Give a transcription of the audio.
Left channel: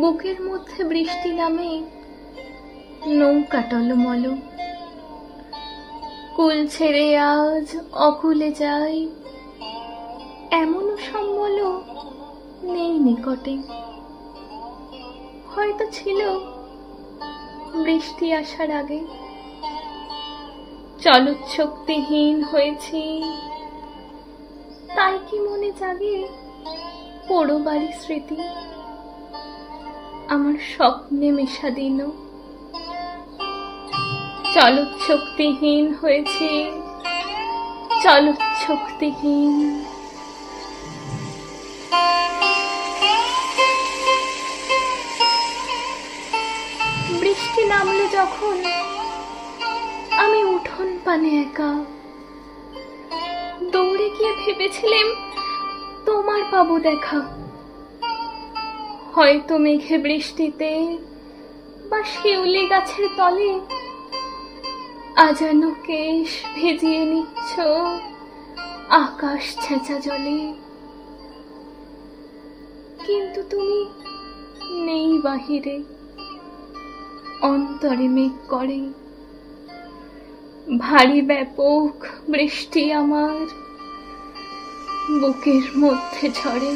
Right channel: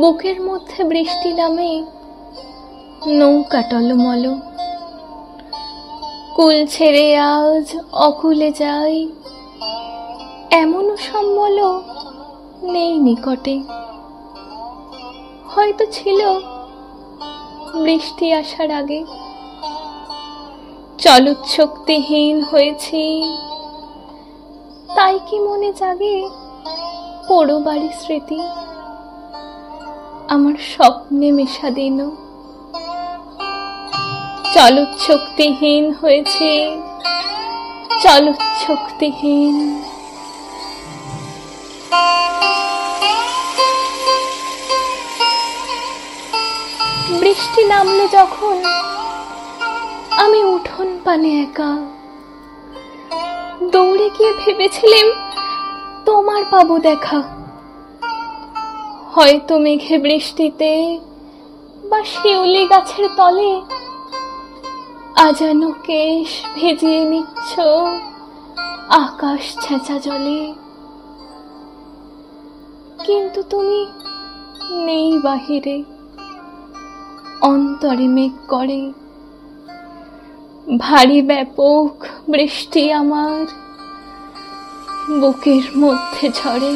বুকের মধ্যে বৃষ্টি নামে, নৌকা টলমল, কুল ছেড়ে আজ অকুলে যাই, এমনও সম্বল নেই নিকটে। হয়তো ছিল বৃষ্টি আসার আগে, চলৎশক্তিহীন হয়েছি, তাই কি মনে জাগে পোড়ো বাড়ি স্মৃতি আমার স্বপ্নে মেশা দিন। চলৎশক্তিহীন হয়েছে, চলৎশক্তিহীন। বৃষ্টি নামলো যখন আমি উঠোন পানে একা, দৌড়ে গিয়ে ভেবেছিলাম তোমার পাবো দেখা। হয়তো মেঘে বৃষ্টিতে বা শিউলি গাছের তলে আজানো কেশ ভেজিয়ে নিচ্ছ আকাশ ছেঁচা জলে। কিন্তু তুমি নেই বাহিরে, অন্তরে মেঘ করে ভারী ব্যাপক বৃষ্টি আমার বুকের মধ্যে ঝরে।